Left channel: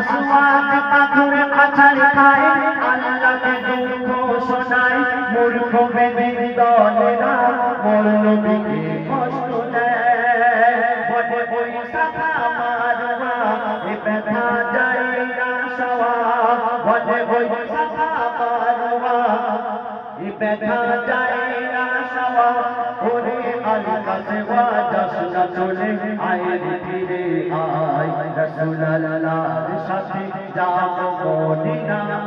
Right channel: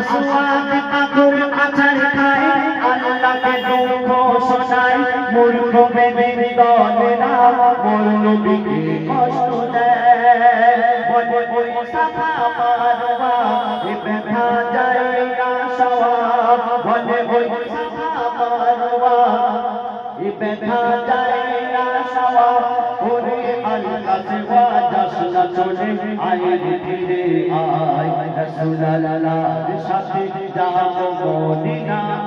আসওয়াদ পাথর আছাড় খায় আল্লাহকে দুঃখ শোনায় মূর্খ ভেবে দলে না মোর নবীকে কষ্ট দেয় বলে ওই সাফা মারওয়া এ ব্যথা যায় না সওয়াব বলে ওই সাফা মারওয়া এ ব্যথা যায় না সওয়াব ওরে আল্লাহ সেবা যাসনা চলে আয় ফিরে আয় রাসূলুল্লাহর সাথে যাব মদিনায়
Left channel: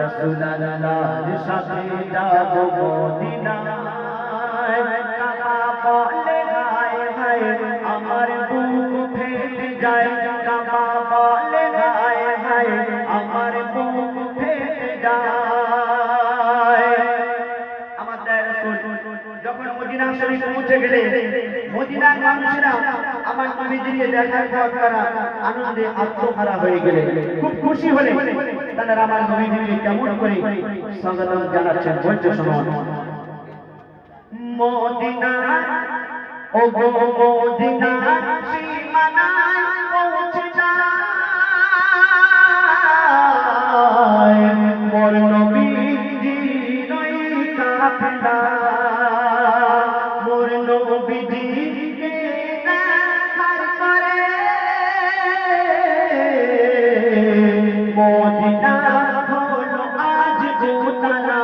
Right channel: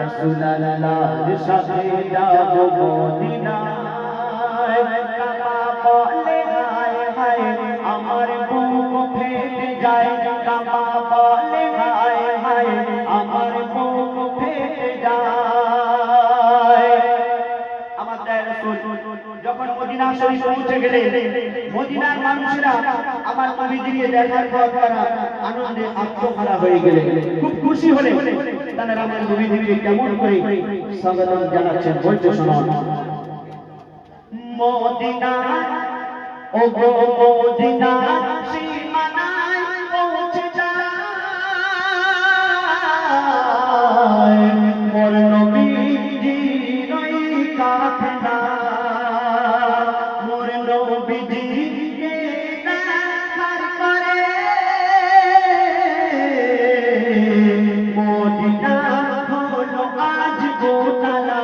রাসূলুল্লাহর সাথে যাব মদিনায় কাকা বলে হায় হায় আমার বুক ফেটে যায় কাকা বলে হায় হায় আমার বুক ফেটে যায় আমাদের রাসূল যখন মদিনা শরীফ পৌঁছে গেলেন মদিনার মানুষেরা আমার নবীজিকে দেখার পর তারা আনন্দে আত্মহারা হয়ে গেলেন খুব খুশি হলেন তারা আমার নবীজিকে কেমন করে স্বাগত জানাচ্ছেন বলতে শুনুন মদিনা ও গো মদিনা সীমানায় পৌঁছে যায় মোর নবীজি নই কাফেলা মোর নবীজিকে দেখার করে মদিনা হলো আজ গোতারা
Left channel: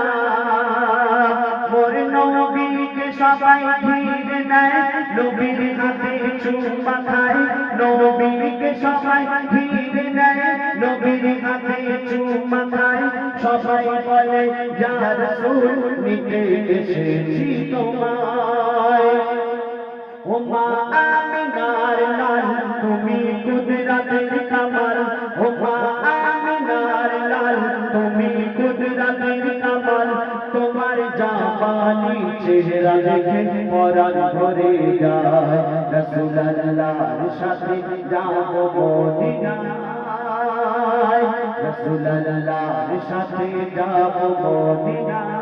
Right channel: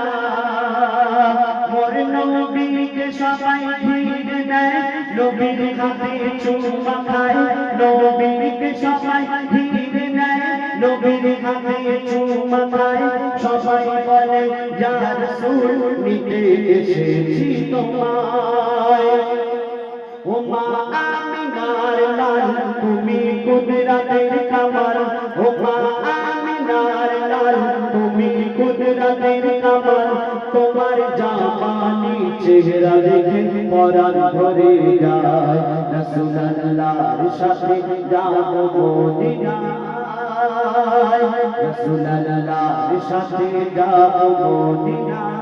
মোর নবীকে সবাই ভিড় নেয় নবীর হাতে চুমা খায় নবীকে সবাই ভিড় নেয় নবীর হাতে চুমা খায় সবাই বলে ইয়া রাসূল নিতে এসেছি তোমায় ও মা আমিনার লাল তুমি কুদরতের কামাল ও মা আমিনার লাল তুমি কুদরতের কামাল তোমার জামানি চেহারা দেখে পরাণ ভরে যায় রাসূলুল্লাহর সাথে যাব মদিনায় রাসূলুল্লাহর সাথে যাব মদিনায়